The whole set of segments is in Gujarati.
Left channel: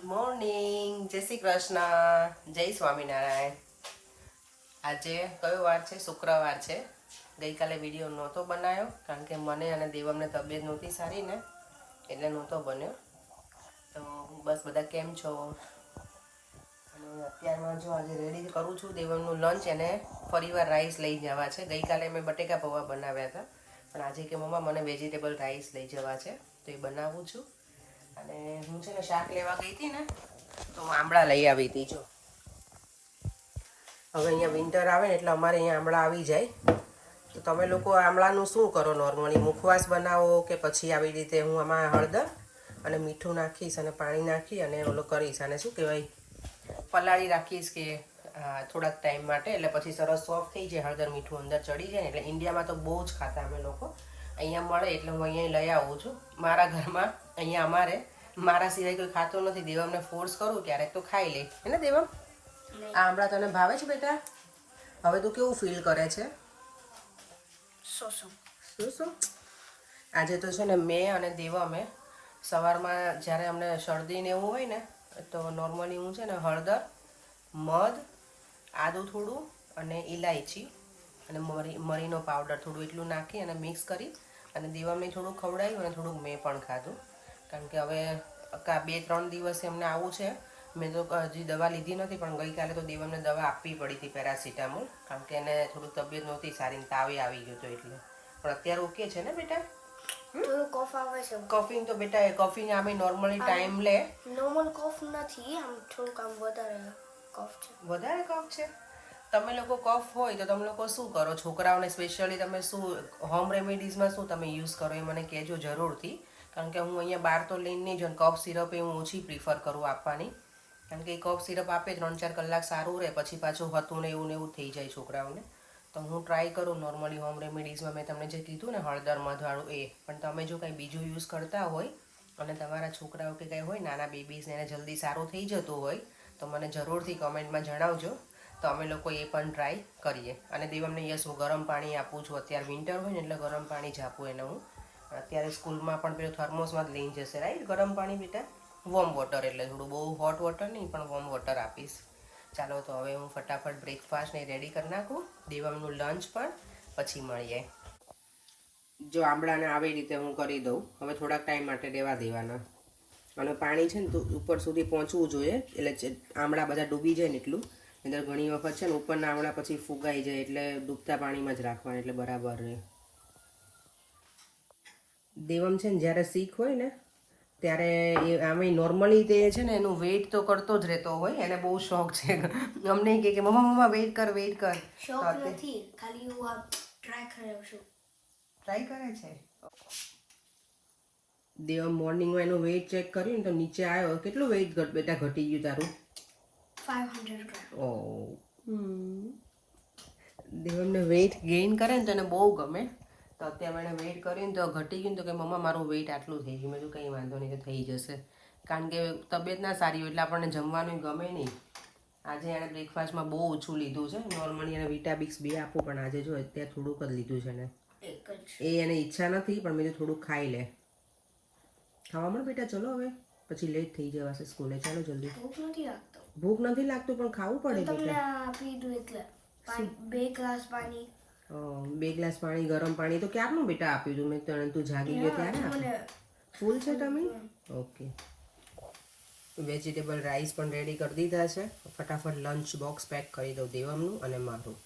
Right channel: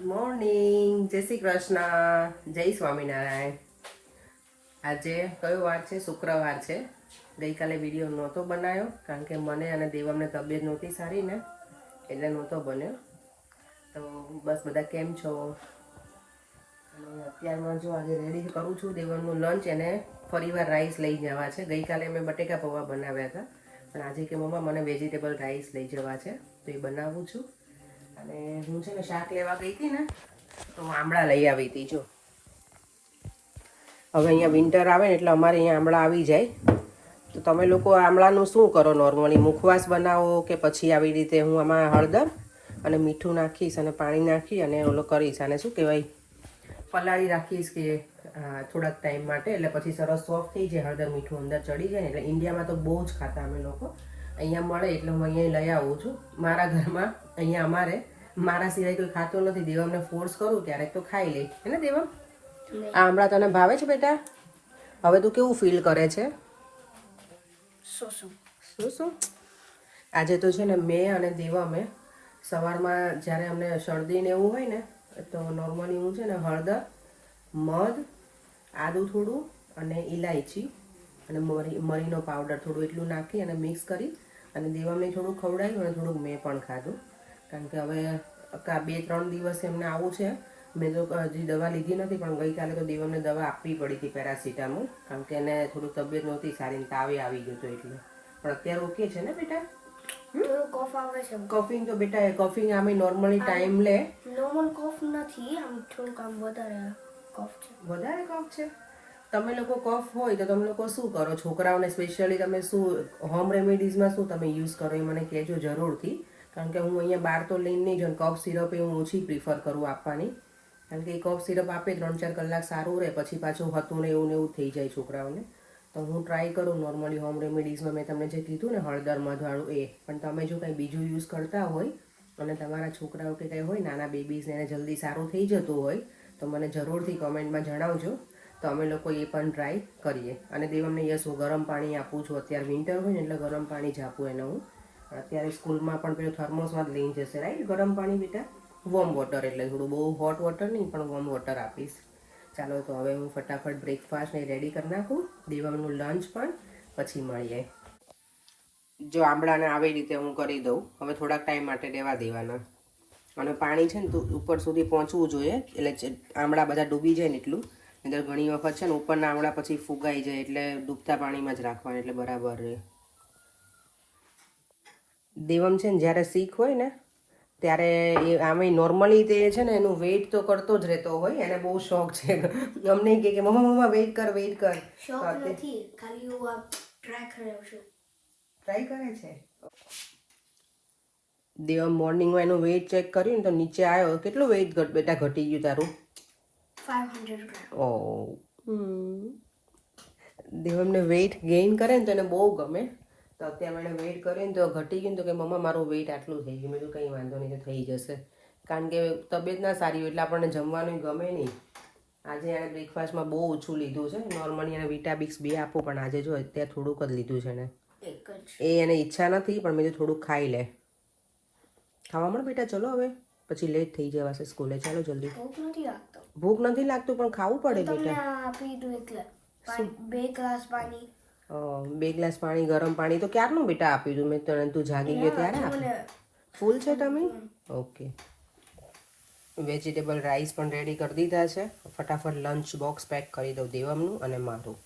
ગુડ મોર્નિંગ, જય શ્રી કૃષ્ણ, જય સ્વામિનારાયણ. આજે કયો વાર છે? શુક્રવાર છે. ગઈકાલે વિડીયો નહોતો બનાવ્યો કારણ કે મને અને દેવમને તબિયત નહોતી સારી ને, એટલે નહોતો બન્યો. તો બસ બધા કેમ છો? અને અત્યારમાં જો આજે રેડી કરું છું દેવમનું લંચ. એને ફરીવાર રાઈસ લઈ જવા છે. ગઈકાલે મેં બટેકા પૌવા બનાવ્યા હતા, પણ આજે કે મમ્મા મને વેજીટેબલ રાઈસ લઈ જવા છે, તો એ બનાવું છું. અને હું છે ને શાક લેવા ગઈ હતી ને, તો હું આંબળા લઈ આવી હતી. જો હવે અહીંયા વિન્ટર આવે ને એટલે અમારે અહીંયા આંબળા આવી જાય. તો તમે લોકો આંબળાનું શું કરો નોર્મલી? મુખવાસ બનાવો કે પછી આવી રીતે? હું આમાં હળદર અને મીઠું નાખીશ અને પાણી નાખી અને ઓલો કરીશ, આને શું કહેવાય, પલાળી રાખીશ કે થોડાક ટાઈમ માટે, એટલે પછી સરસ સોફ્ટ થઈ જાય. હળદર મીઠું અંદર ચડી જાય ને. એટલે ઇન્ડિયામાં તો બહુ જ ખાતા અમે લોકો, અહીંયા મળે એટલે હું અહીંયા લઈ આવું છું. મારા ઘરમાં અહીંયા અમારે મારા સિવાય કોઈ ખાતું નથી. દેવમને ફોર્સ કરું ક્યારેક તો ખાઈ લે, હે ને દેવમ? આ હમણાં તને ભાવે છે બેટા? હવે તું કેવું ફીલ કરે છે? શું આજે તો છે ને મેં અને દેવમે સવારમાં જ્યારે અમને શરદી ને એવું હોય ને, તો નોર્મલી હું છે ને હળદર, મધ, આદું થોડું અને ઇલાયચી અને મરીનો પાવડર થોડું એટલું નાખી અને મિક્સ કરી અને દેવાને થોડું ખવડાવ્યું અને થોડુંક મેં પણ ખાધું. કારણ કે હવે 2-3 દિવસે એમને આવું છે. મેં તો હજી દવા લીધી નથી, પણ ગઈકાલે તો દેવમને દવા આપવી પડી હતી, પેરાસિટામોલ, કારણ કે એને થોડું તબિયત નહોતી સારી, તાવે આવી ગયો હતો એટલે. પણ અત્યારે ઓકે છે ને બેટા? કફિંગ તો બેટા કફિંગ આમે નોર્મલી ટાઈમ લે. નોર્મલ કફ નથી, આમ થોડુંક આમ વધારે કફ છે. વધારે કફ છે? તમે લોકો કફ હોય તો તમે લોકો શું કરો? છોકરાઓને સ્પેશિયલી તમે શું હોમ રેમેડીઝમાં શું તમે યુઝ કરો એ મને કહેજો જરૂરથી. કારણ કે હું અહીંયા બહાર તો લઈને નહીં જાઉં. કફ સિરપ એ હું ઓછી પ્રિફર કરું આપવાની, કારણ કે એ કફ સિરપ આપે 3-4 કલાક સારું રહે, પછી પાછું હતું ને એવું થઈ જાય છોકરાઓને. તો હું ટ્રાય કરું નોર્મલી હોમ રેમેડીઝમાં મેં તમને જે કીધું ને હળદર મધવાળું એ. પણ તમે જો કંઈ બીજું યુઝ કરતા હોય અને તમારા છોકરાઓ કે કંઈ હોય નાના બેબીઝને એને જલ્દી સારું થઈ જતું હોય તો મને જરૂરથી કોમેન્ટમાં જણાવજો, તો અમે લોકો એ પણ ટ્રાય કરીએ. અને દેવમને યસ હું ગરમ પાણી આપું છું. અત્યારે વિન્ટર હોય ને એટલે ગરમ પાણી જ આપું એને હું. અત્યારે સ્કૂલમાં પણ પેલું થર્મોસમાં જ લઈને જશે, રાઈટ? ગરમ પાણી બેટા, વોર્મ વોટર, એટલે થોડું બહુ હોટ વોટર નહીં પણ વોર્મ વોટર આપીશ. ચાલો તો હવે હું ફટાફટ બ્રેકફાસ્ટ ને રેડી કરી નાખું, દેવાનું લંચ પણ, પછી મળીએ. જો આંબળાને આવી રીતે હું કરી દઉં. હવે થોડાક ટાઈમ માટે રહેવા દેવાના. અને પાણી છે ને ઉપર સુધી પહોંચવું જોઈએ, એટલે આંબળા બધા ડૂબી જાય ને એટલું. એટલે ઘણી વખત છે ને ઉપરના આંબળા પછી ફુગાઈ જાય, એટલે ડૂબતા પાણીમાં જ રાખવાના, એટલે બરાબર રહે. દેવમ છે ને જ્યારે શીખ હોય ને ત્યારે એ આમે નોર્મલી તે છે ને એનું વેઇટ તો કરતો જ રહેતો હોય. એને બહુ શોખ છે. અમને કહે કે મમ્મા વેઇટ કર. શોખ નથી, ખાલી હું આ ટ્રાય કર્યો છું. ટ્રાય કરે છે. દેવમ મોર્નિંગમાં એનું વેઇટ ચેક કર્યું ને તો નીચે આવ્યો. કેટલું વેઇટ બેટા ઘટી ગયું તારું? 500 ગ્રામ. ઓ દેવમને વેઇટ ગેઇન કરે ને તો એને બહુ ગમે. તો અત્યારે એને વેઇટ કરીને તો ઘટી ગયું, તો કે મમ્મા મારું વેઇટ આટલું થઈ ગયું. મેં તો કંઈ વાંધો નહીં, તો થઈ જશે. કારણ કે તબિયત ના સારી હોય એટલે આપણને જમવાનું ગમે નહીં. આજે એણે બ્રેકફાસ્ટમાં બહુ ઓછું લીધું છે. નોર્મલી એને વિટામિક્સ 2 આપું, પણ આજે જો અત્યારે થોડુંક જ લીધું છે ને. એ એને ઈચ્છા નથી, પણ મેં તો થોડુંક ખાઈ લે. ખાવા મળે બેટા, ચલો હવે પછી લેટ થઈ જવાશે સ્કૂલે. ચાલો જલ્દી. ભૂખ નથી લાગતું પણ ખાવું પડે બેટા. આપી દઉં એટલે 2 ગ્લાસ પાણી. 2 ગ્લાસ પાણી, ગરમ પાણી તો ક્યારનું બેટા આપ્યું તું મેં તને? તું જાગી ગયો ત્યારે આપ્યું? ફૂલ છે તમે? ઓકે. વેજીટેબલ રાઈસ પણ રેડી કરી દીધા છે. ફટાફટ લંચ બોક્સ પેક કરી દઉં દેવમનું અને મારું.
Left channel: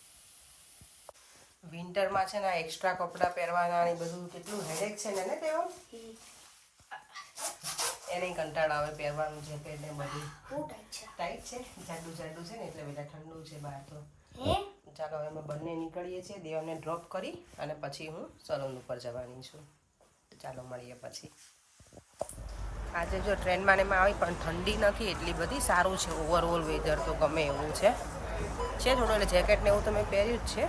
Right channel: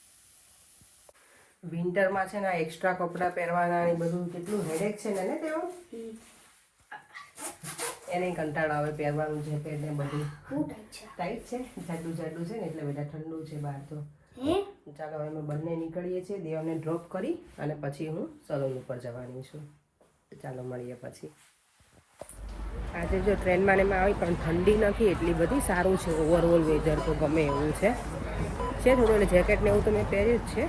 વિન્ટરમાં છે ને આ એક્સ્ટ્રા કપડાં પહેરવાના ને બધું કેટલું હેડેક છે ને દેવમ? એને કંટાળો આવે પહેરવાનું, જેકેટ ને બધું ટાઈટ છે, જાડું છે ને એટલે બધા ઠંડુ છે બહાર તો. ચાલો હવે અમે બંને નીકળીએ છીએ. દેવને ડ્રોપ કરી અને પછી હું સલૂન ઉપર જવાની છું. ચાલો મળીએ પછી. આજે જો ટ્રેનમાં ને એમાં આવી પણ ઠંડી નથી એટલી બધી, સારું છે. ઓવરઓલ વેધર તો ગમે એવું છે થોડું. એટલે જેકેટ ને એવું તો મેં પહેર્યું જ છે,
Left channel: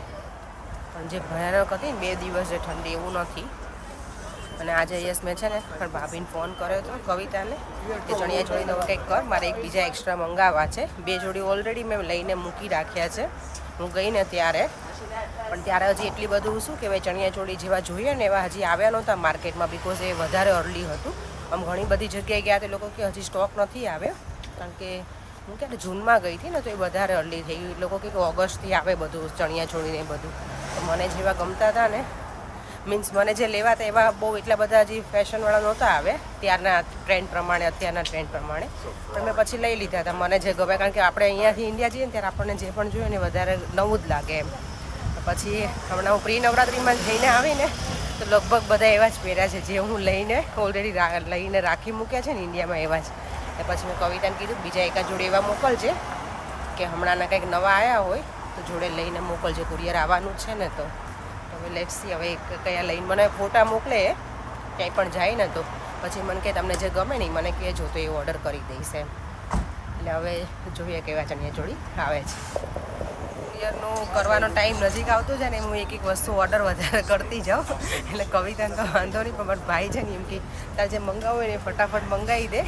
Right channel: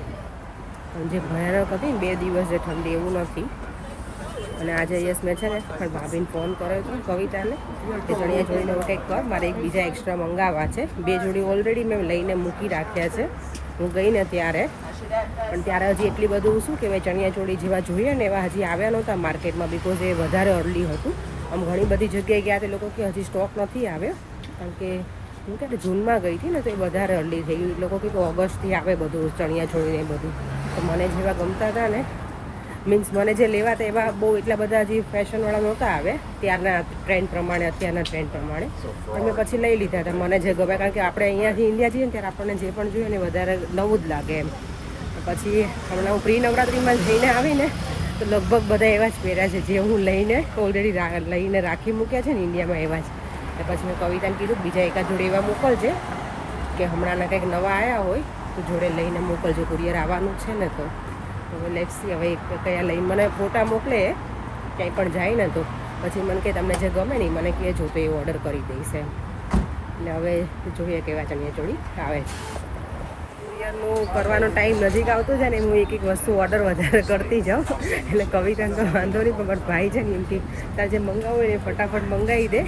પણ જે ભયાનક હતી ને 2 દિવસ જે ઠંડી, એવું નથી. અને આજે યસ મેં છે ને ભાભીને ફોન કર્યો હતો, કવિતાને, તે ચણિયા ચોળીનો કંઈક કર, મારે એક બીજા એક્સ્ટ્રા મંગાવવા છે. 2 જોડી ઓલરેડી મેં લઈને મૂકી રાખ્યા છે હું ગઈ ને ત્યારે. પણ ત્યારે હજી એટલી બધું શું કહેવાય, ચણિયા ચોળી જેવા જોઈએ ને એવા હજી આવ્યા નહોતા માર્કેટમાં, બિકોઝ એ વધારે અર્લી હતું. આમ ઘણી બધી જગ્યાએ ગયા તે લોકો કે હજી સ્ટોક નથી આવ્યો. કારણ કે હું ક્યારે જૂનમાં ગઈ હતી ને તો એ વધારે અરલી થઈ ગયું. એ લોકો કીધું ઓગસ્ટથી આવે બધું ચણિયા ચોળીને બધું. તો મને જેવા ગમતા હતા ને, મીન્સ મને જે લેવા હતા એવા બહુ એટલા બધા જે ફેશનવાળા નહોતા આવ્યા ત્યારના ટ્રેન્ડ પ્રમાણે, અત્યારના ટ્રેન્ડ પ્રમાણે. અમે પછી લઈ લીધા હતા મને જે ગમે, કારણ કે આપણે અહીંયાથી ઇન્ડિયા જઈએ ને ત્યારે આપણને જે પણ જોઈએ ને વધારે નવું જ લાગે એમ. પછી હમણાં હું પ્રી નવરાત્રિમાં જઈને આવીને તો લગભગ બધા એવા જ પહેર્યા છે જે હું લઈને ઓલરેડી લઈને રાખી મૂક્યા છે ને ઇન્ડિયામાં એવા જ. તો પછી મેં કવિતાને કીધું બીજા એકાદ જોડે એવા મોકલજે કે હમણાંના કંઈક નવા આવ્યા હોય તો જોડે લઈને મોકલજો, કુરિયર આવવાનું છે ને. તો હવે લેટ્સી હવે કયા લઈને મને ફોટા મોકલે ક્યાંય પણ જાય ને તો પછી મને કે તમને જે ગમે ને મને કહેજો તો એ ઓર્ડર કરી દઈશ એમ. એટલે હવે જોઈએ કેવા ચણિયાચોળી આવે છે. કુરિયરનું કરવાનો ટાઈમ નજીક આવતો છે ને હું એક વસ્તુ ઓર્ડર વધારે કરતી જાઉં. એટલે કવિતાને તો વાંધો નહીં, પણ મારા ભાઈ છે ને એમ કે તારે જે મંગાવું હોય ને ફટાફટ મંગાવી દે,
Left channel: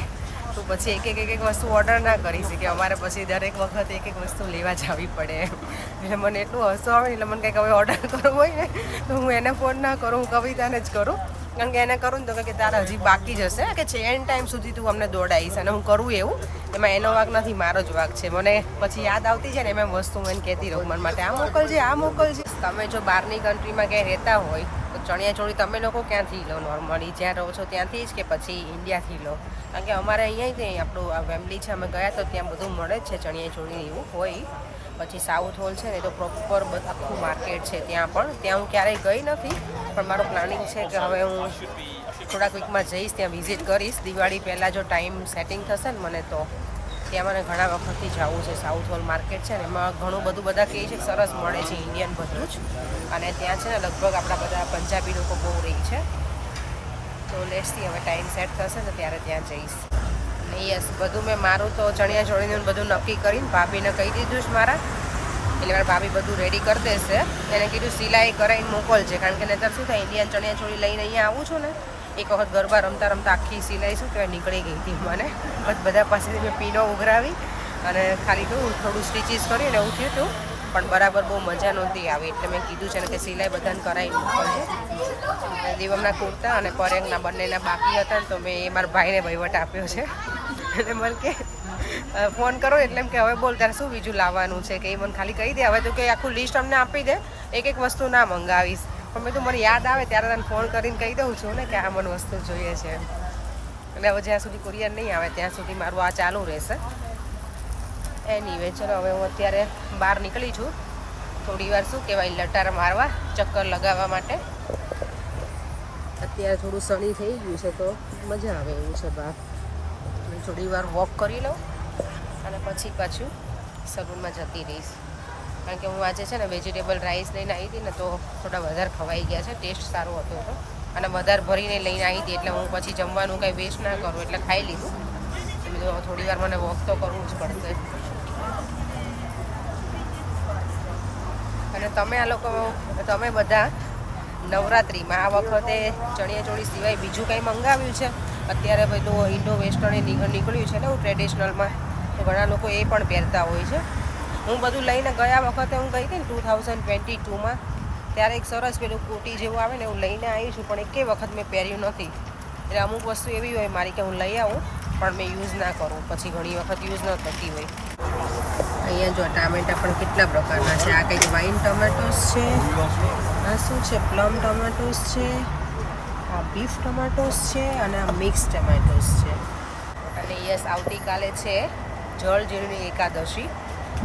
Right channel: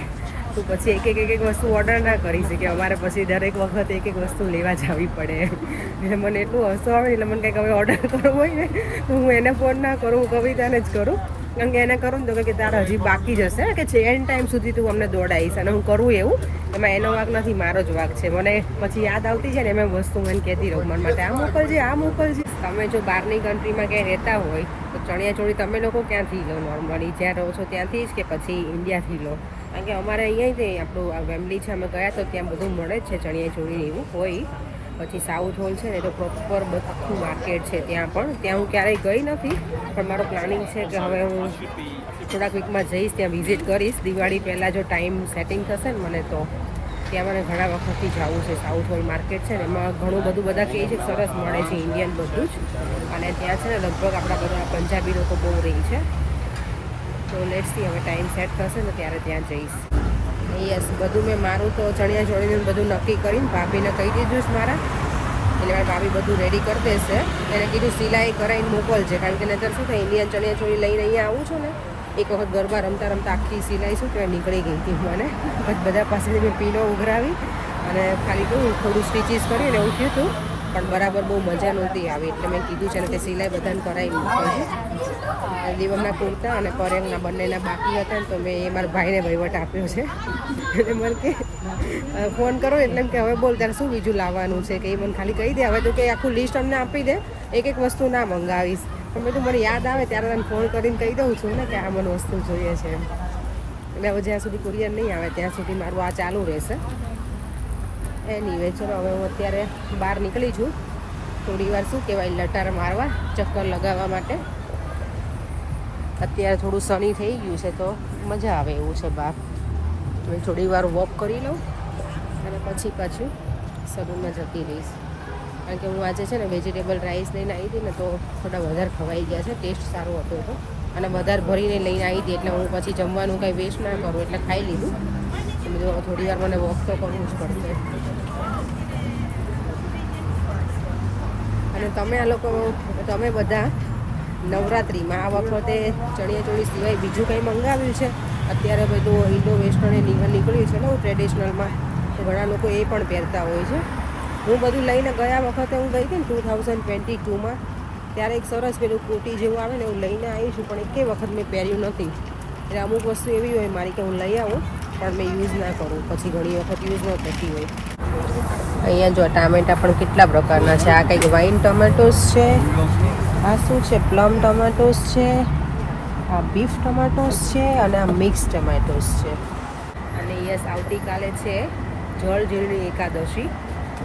તો પછી એક વસ્તુ ઓર્ડર ના કરી શકે. અમારે પછી દરેક વખત એક વસ્તુ લેવા જવી પડે એમ. એટલે મને એટલું હસવું આવે ને, એટલે મને કંઈક હવે ઓર્ડર કરવું હોય ને તો હું એને ફોન ના કરું, હું કવિતાને જ કરું. કારણ કે એને કરું ને તો કે તારે હજી બાકી જશે કે છે એન્ડ ટાઈમ સુધી તું અમને દોડાવીશ, અને હું કરું એવું. એમાં એનો વાંક નથી, મારો જ વાંક છે. મને પછી યાદ આવતી જાય ને એમ વસ્તુ મને કહેતી રહું મન માટે, આ મોકલજે આ મોકલજે. તમે જો બહારની કન્ટ્રીમાં ક્યાંય રહેતા હોય તો ચણિયાચોળી તમે લોકો ક્યાંથી લો નોર્મલી? જ્યાં રહો છો ત્યાંથી જ કે પછી ઇન્ડિયાથી લો? કારણ કે અમારે અહીંયા જ આપણું આ ફેમિલી છે, અમે ગયા તો ત્યાં બધું મળે જ છે ચણિયાચોળી એવું હોય. પછી સાઉથ હોલ છે ને તો પ્રોપર આખું માર્કેટ છે ત્યાં પણ. ત્યાં હું ક્યારેય ગઈ નથી, પણ મારું પ્લાનિંગ છે કે હવે હું થોડાક વીકમાં જઈશ, ત્યાં વિઝિટ કરીશ. દિવાળી પહેલાં જો ટાઈમ સેટિંગ થશે ને મને તો ત્યાં મને ઘણા વખતથી જવું છે. સાઉથ હોલ માર્કેટ છે ને એમાં ઘણું બધું બધા કહે છે સરસ મળે છે ઇન્ડિયન બધું જ. અને ત્યાં છે ને લગભગ આપણા બધા પંજાબી લોકો બહુ રહી છે. તો લેટ્સી હવે ટાઈમ સેટ થશે ને ત્યારે ત્યાં જઈશ. યસ, બધું મેં મારું તો ચણિયાચોળીનું બધું નક્કી કરીને ભાભીને કહી દીધું છે મારા. એટલે મારા ભાભી બધું રેડી કરી દેશે. એને કીધું સિલાઈ કરાવીને મોકલજે, કારણ કે નહીંતર શું થાય ઇન્ડિયન ચણિયાચોળી લઈને અહીંયા આવું છું ને, એક વખત ગરબા રમતા રમતા આખી સિલાઈ શું કહેવાય નીકળી ગઈ હતી મને. બટ બધા પાસેથી મેં પીનો ઉઘરાવી અને ખાલી થોડું સ્ટીચીસ કરીને એવું થયું હતું, પણ બરાબર બહુ મજા નહોતી આવી. એટલે મેં કીધું છે ને કે સિલાઈ બધાને કરાવી મોકલજો. દીવમના કુર્તા અને પરેંગના બંનેના બાકી હતા ને તો મેં એ મારા ભાઈને વહીવટ આપ્યો છે. એટલે મને કે ફોન કરો એટલે એમ કે હવે બોલ તારે શું બીજું લાવવાનું છે, કે એ મને ખાલી કહી દે. હવે તું કે આખું લિસ્ટ અમને આપી દે, એક વસ્તુ ના મંગાવીશ. પણ મેં તું મને યાદ આવે ત્યારે તને ફોન કરીને કહી દઉં છું ને કે આ મને વસ્તુ જોઈએ છે. એટલે હવે જ્યાં સુધી કુરિયર નહીં આવે ત્યાં સુધી મારું આ ચાલુ રહેશે. એનીવે ચલો હવે હું અત્યારે બહાર નીકળી છું થોડી વાર શું કહેવાય લટાર મારવા, ચક્કર લગાવવા માટે. અત્યારે થોડું સની થઈ ગયું છે તો મજા આવે એવું છે બહાર. થોડી વાર વોક કરી લઉં અને પછી પાછું સલૂનમાં જતી રહીશ. કારણ કે હું આજે છે ને વેજીટેબલ રાઈસ લઈને આવી હતી ને તો થોડા વધારે ખવાઈ ગયા છે. ટેસ્ટ સારો હતો તો, અને વધારે ભરીને લઈને આવી હતી એટલે હું પછી જમવાનું કાંઈ વેસ્ટ ના કરું એટલે ખાઈ લીધું. એટલે થોડી વાર મને વોક તો કરવું જ પડશે. અને તમે આ લોકો તમે બધા નવરાત્રિમાં આ વખતે ચણિયાચોળી સિવાય બીજું કંઈ મંગાવ્યું છે? અત્યારે બધું ઇન્ડો વેસ્ટર્ન નીકળ્યું છે ને ટ્રેડિશનલમાં, તો ઘણા લોકો એ પણ પહેરતા હોય છે. હું બધું લઈને ગયા વખતે હું ગઈ હતી ને 2022માં, ત્યારે એક સરસ પેલું કોટી જેવું આવે ને એવું લઈને આવી છું, પણ એકે વખત મેં પહેર્યું નથી. એટલે અમુક વસ્તુ એવી હોય મારી કે હું લઈ આવું પણ મેં યુઝ ના કરું, પછી ઘણી વખત યુઝ ન થતી હોય. અહીંયા જો ટામેટા પણ કેટલા પ્રકારના છે. આ કંઈક વાઇન ટમેટોસ છે, આ શું છે પ્લમ ટમેટોસ છે, આ બીફ ટમેટોસ છે, અને આ મિક્સ ટમેટોસ છે. અને યસ, આવતીકાલે છે જળઝૂલણી એકાદશી.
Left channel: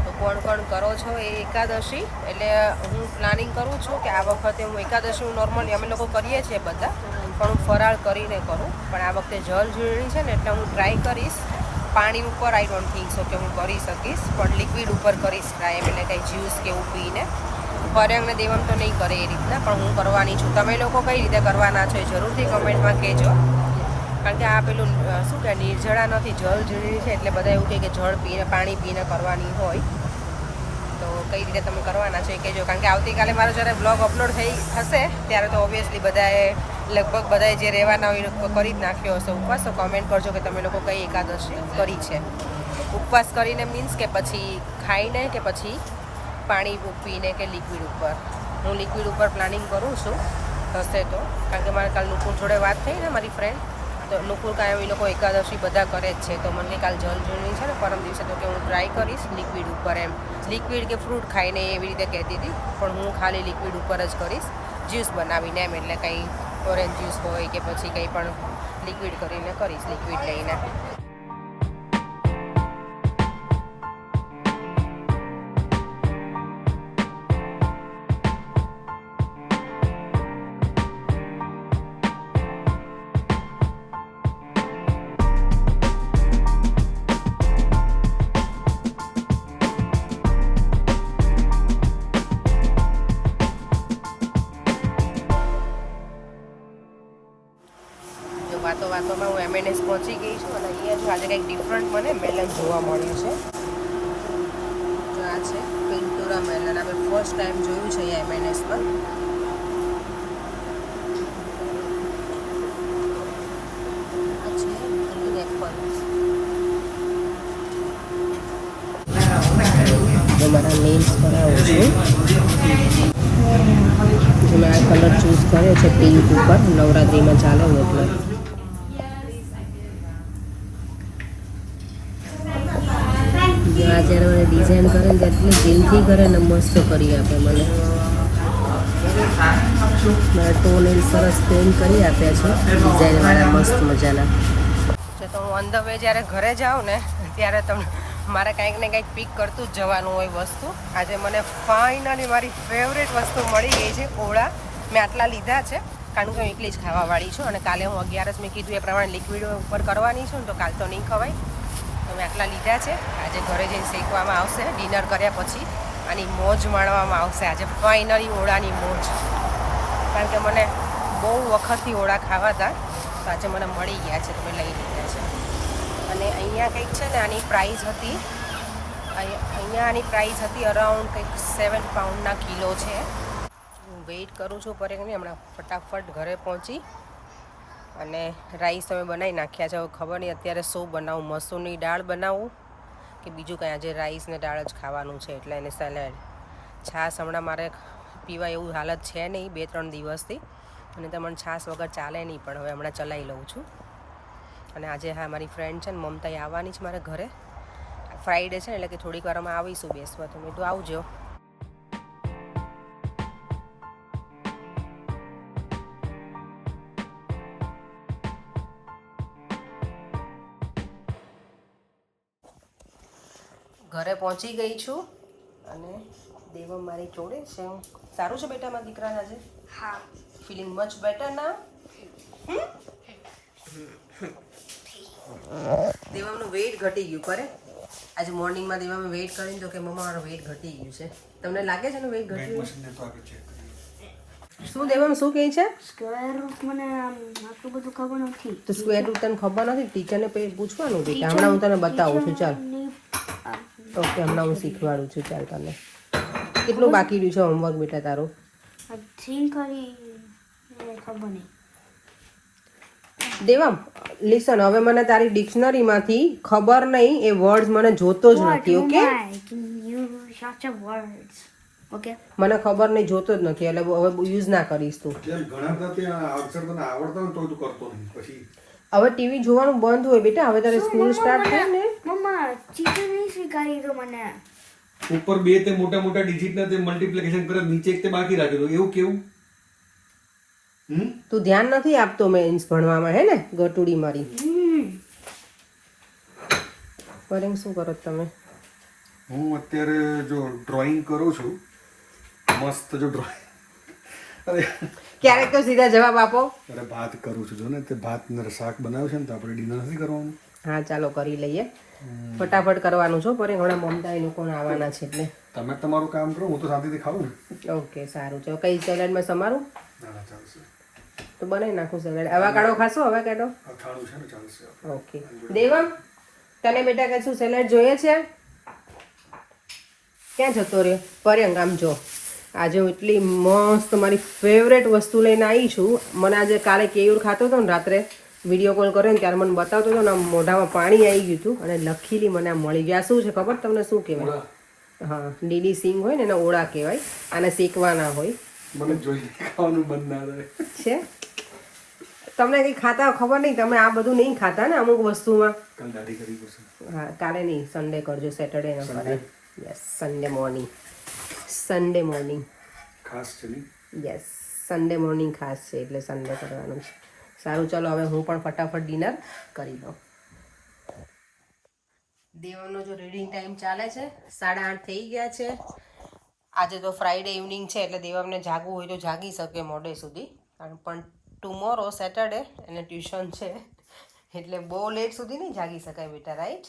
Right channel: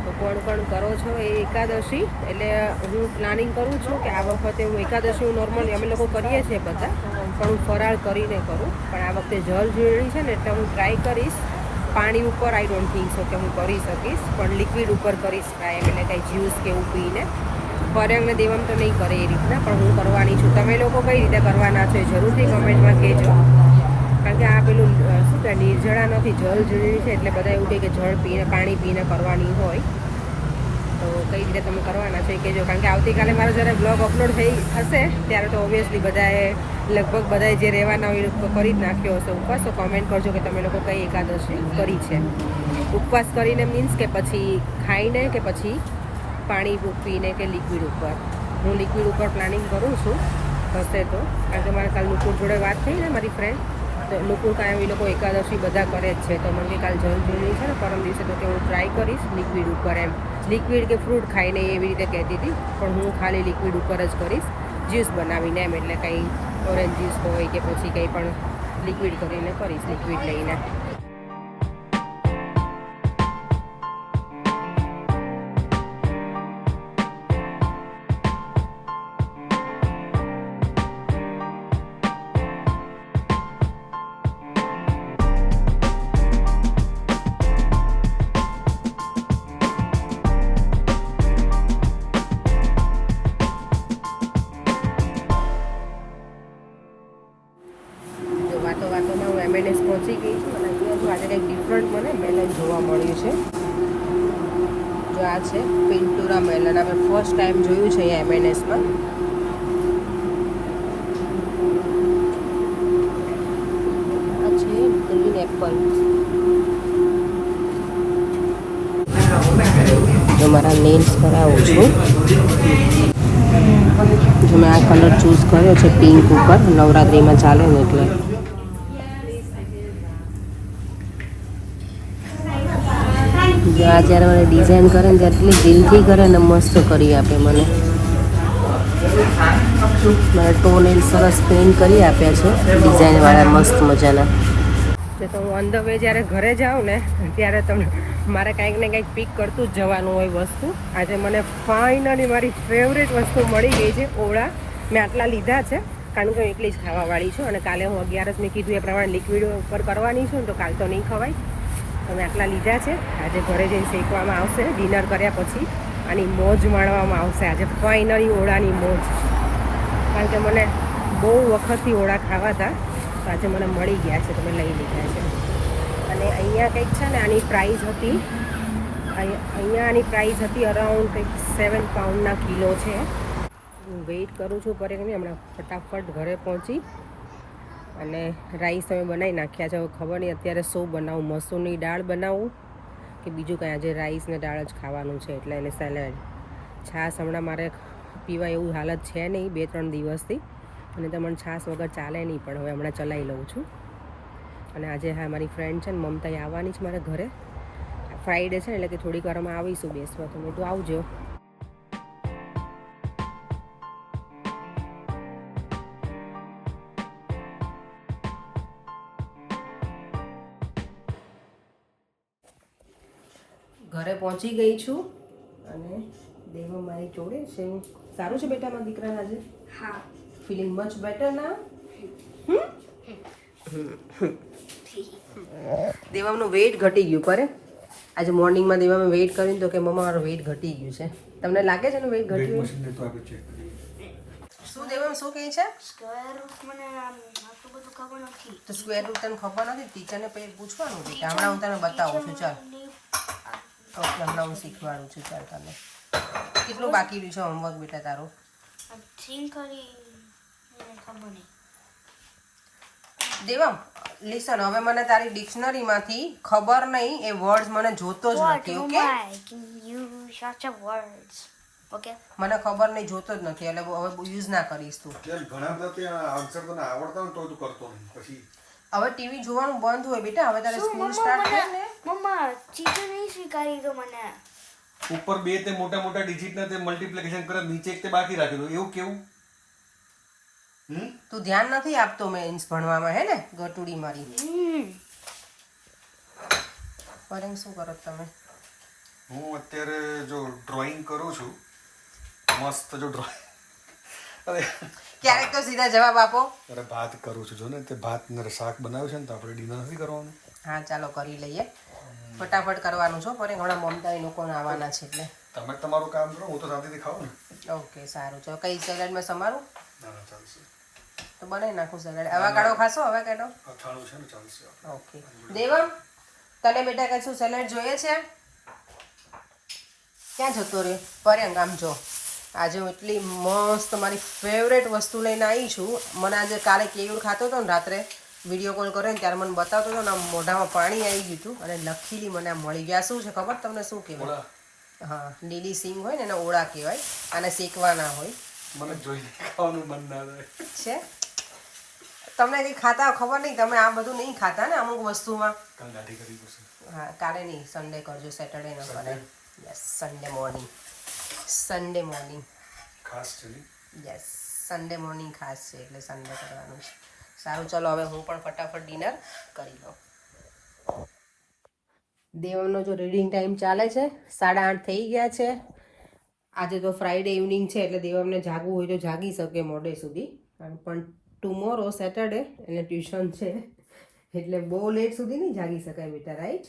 તો કોણ કોણ કરો છો એ એકાદશી? એટલે હું પ્લાનિંગ કરું છું કે આ વખતે હું એકાદશી નોર્મલી અમે લોકો કરીએ છીએ બધા, પણ હું ફરાળ કરીને કરું. પણ આ વખતે જળઝૂલણી છે ને એટલે હું ટ્રાય કરીશ. પાણી ઉપર આઈ ડોન્ટ થિંક સો કે હું કરી શકીશ, પણ લિક્વિડ ઉપર કરીશ ટ્રાય. એટલે કંઈ જ્યુસ કે એવું પીને. પરેંગને દેવમ તો નહીં કરે એ રીતના, પણ હું કરવાની છું. તમે લોકો કઈ રીતે કરવાના છો એ જરૂરથી કમેન્ટમાં કહેજો. કારણ કે આ પેલું શું કે નિર્જળા નથી, જળઝૂલણી છે એટલે બધા એવું કહે કે જળ પીને પાણી પીને કરવાની હોય. તો કઈ રીતે તમે કરવાના છો એ કહેજો. કારણ કે આવતીકાલે મારો જ્યારે બ્લોગ અપલોડ થઈ હશે ત્યારે તો ઓબ્વિયસલી બધાએ લગભગ બધાએ જે રહેવાના હોય કરી જ નાખ્યો હશે ઉપવાસ. તો કમેન્ટ કરજો કે તમે લોકો કઈ એકાદશી કરી છે. ઉપવાસ કરીને મીન્સ કે પછી ખાઈને કે પછી પાણી પીને કે લિક્વિડ ઉપર? હું લિક્વિડ ઉપર પ્લાનિંગ કરું છું થશે તો. કારણ કે મારે કાલ નુકુર જોડે વાત થઈ ને મારી ફ્રેન્ડ, તો નુકુલ કાયમ એ લોકો એકાદશી બધા કરે જ છે. તો મને કે કાલ જલ જોઈ છે ને પરમ દિવસે, તો કે હું ટ્રાય કરીશ લિક્વિડ ઉપર એમ. લિક્વિડ કે ફ્રૂટ ખાઈને એવી રીતે કહેતી હતી, પણ હું ખાલી લિક્વિડ ઉપર જ કરીશ જ્યુસ બનાવીને એમ. એટલે કંઈ ઓરેન્જ જ્યુસ હોય કે પછી કંઈ પણ લિક્વિડ કરીને કરીશ, લિક્વિડ લઈને. વાતોમાં હું M&S પહોંચી ગઈ છું અને અહીંયા જો આજે કંઈક ડિફરન્ટ મને મેલન જોવા મળ્યું છે. જો આ છે પિન્ટુરા મેલન. આપણે ફર્સ્ટ ટાઈમ જોયું છે અહીંયા M&Sમાં. આ છે ગ્રીન એપલ. જો મારા નેલ્સ કરાવું છું. જો મેં આ કલર ચૂઝ કર્યો છે પિંક ઉપર, નવરાત્રિમાં ચાલે ને એટલે. જો આ જ્યારે મને ડિઝાઇન કરે ને એટલી દિલથી કરે ને મસ્ત કરી આપે મને. મારા ટોન એ સરસ પેઇન્ટ કરી આપ્યા છે ડિઝાઇનવાળા મસ્ત મજાના. તો હું ઓન ધ વે જ્યારે ઘરે જાઉં ને ત્યારે તમને મારે કંઈક ને કંઈક પિક કરતું જ જવાનું હોય વસ્તુ. આજે મને ફાઇનલી મારી ફેવરેટ વસ્તુ મળી ગઈ છે, ઓળા. મેં આટલા લીધા છે કારણ કે હું એટલી જ ખાવાવાળી છું અને કાલે હું 11 મેં કીધું એ પ્રમાણે લિક્વિડ ઉપર કરવાની છું ને, તો કાલ તો નહીં ખવાય. તો મેં આટલા લીધા છે. આજે ઘરે જઈને શેકવામાં આવશે ડિનર કર્યા પછી. આની મોજ માણવામાં આવશે આજે ફાઇનલી ઓળાની મોજ. કારણ કે મને બહુ વખતથી ઓળા ખાવા હતા, તો આજે મને મળી ગયા છે તો મેં લઈ લીધા છે. અને અહીંયા કંઈક છે ને આની પ્રાઇસ હતી, અહીંયા આની પ્રાઇસ હતી અરાઉન્ડ કંઈક 7 પાઉન્ડના કિલો છે. હું વેઇટ કરું છું પર નહીં, હમણાં ફટાફટ ઘરે પહોંચી અને રાઈસ અમે બનાવી નાખ્યા છે. હવે ખબર નહીં અત્યારે શું બનાવું, મસૂરની દાળ બનાવું કે બીજું કંઈ. આજે રાઈસ ને દાળ જ ખાવાનું છે એટલે એને સેલેડ. છાશ હમણાં મારે પીવા એવું હાલત છે નહીં 2-3 દિવસથી, અને તમને છાશ વગર ચાલે નહીં, પણ હવે હમણાં ચલાવી લઉં છું. અને આજે હા મારી ફ્રેન્ડ છે ને મમતા આવવાની છે મારે ઘરે. ફ્રાઈડે છે એટલે કે થોડીક વારમાં આવીશું બેસવા. તો મેં તો આવજો. ઘરે પહોંચી ગઈ છું અને દેવો મારી જોડે છે. સારું છે બેટા મારા દીકરાને આજે? હા. ફીલિંગ મચ બેટર ના? દેવામનું વેઇટ ઘટી ગયું કરે. આજે મોર્નિંગમાં દેવામાં વેઇટ કરીને તો કે મમ્મા મારું વેઇટ ઘટી ગયું છે. તમને લાગે છે ને વેઇટ ઘટ્યું? શું દેવામાં શું કહે છે? સ્ક્વેર રૂટ મને આટલું બધું ખબર નથી. તો સ્ક્વેર રૂટ તને ખબર નથી? ટીચરને પૂછવાનું બેટા. હમણાં હું તને બતાવું છું. ચાલ ઓકે, હમણાં હું શીખવાડું છું. ચાલ તને કેટલું બાકી રહ્યું છે હોમવર્ક બેટા તારું? ખબર નહીં. દેવામ લિસન, હવે મને તારી ડિક્શનરીમાંથી ખબર નહીં એ વર્ડ મને જોતો જ નથી. ઓકે, મને ખબર નહીં, જોતો જ નથી એટલે હવે યુઝ ના કરીશ તું. હવે ટીવી જોવાનું બંધ હોય બેટા. હવે તારે સ્કૂલ સ્ટાર્ટ થાય ને. મમ્મા ચીટી નહીં શીખવાડી તો મને. ઉપર 2 તે મોટા મોટા ડિજિટ ને તે મલ્ટીપ્લિકેશન કરે, નીચે એક તે બાકી રાખેલું. એવું કેવું? તું ધ્યાન નથી આપતો મેન્સ ભણવામાં, હે ને ગટુડી મારી. પરેંગ શું કરો તમે? હું અત્યારે જો ડ્રોઈંગ કરું છું મસ્ત. જો ડ્રોઈંગ ક્યારેક તો સીધા જવાબ આપો. અરે ભાત કરું છું. જો ને તે ભાત ને શાક બનાવ્યું છે ને, તો આપણે ડિનર નથી કરવાનું. હા ચાલો કરી લઈએ. ફટાફટ કરવાનું છો પરેંગ. હમણાં મમતા એ લોકોને આવવાના છે એટલે તમે તમારું કામ કરો, હું તો શાંતિથી ખાવું ને. ઓકે સારું. ચાલો કઈ સેલેડમાં સમારું ના ચાલશે. તો બનાવી નાખું સેલેડ. અવાકાડો ખાશો? અવાકાડો અથાણું છે ને, ચાલશે. ઓકે. દેવમ તને બેટા કશું સેલેડ જોઈએ છે? ક્યાં જતો રહ્યો પરેંગ? આમ જો આજે હું એટલી મસ્ત મારી ફેવરેટ વસ્તુ લઈને આવી છું. મને આજે કાલે કેયુર ખાતો હતો ને રાત્રે, વિડીયો કોલ કર્યો ને ત્યારે મને બતાવતો હતો ને, આમ મોઢામાં પાણી આવી ગયું હતું અને લખીલી મને આ મળી ગયા. શું છે ખબર તમને શું કહેવાય? હા, લીલી સિંગ હોય ને એને ઓળા કહેવાય. આને શેકવાના હોય. મને જોઈને ખાવાનું મન ના થાય છે. તમને કંઈ ખાતા ખબર નહીં, તમે આ બધું નહીં ખાતા ને અમુક વસ્તુમાં. કાલ દાઢી કરવી પડશે. હા કાલે નહીં, સન્ડે કરજો, સેટરડે ન કરાય. યસ, સન્ડે મોર્નિંગ ખાસ છે નહીં? યસ, સન્ડે મોર્નિંગ ખાસ છે એટલે સન્ડે કરવાનું છે. સારું ચલો હવે હું પણ ફટાફટ ડિનર કરી દઉં. દેવમનો જો રીડિંગ ટાઈમ ચાલે છે, 8:30 થઈ ગયા છે. આજે તો ફ્રાઈડે ઇવનિંગ છે એટલે દેવમને જાગવું હોય તો જાગી શકે મોડે સુધી, પણ ટુમોરો સેટરડે એને ટ્યુશન છે એટલે બહુ લેટ સુધી નહીં જાગી શકાય બેટા, રાઈટ?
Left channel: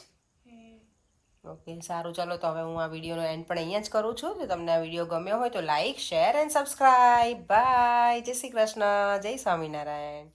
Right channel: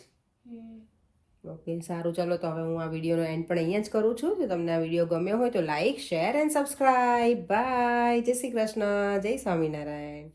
ઓકે સારું ચલો, તો હવે હું આ વિડીયોનો એન્ડ પણ અહીંયા જ કરું છું. જો તમને આ વિડીયો ગમ્યો હોય તો like, share and subscribe. Bye, જય શ્રી કૃષ્ણ, જય સ્વામિનારાયણ.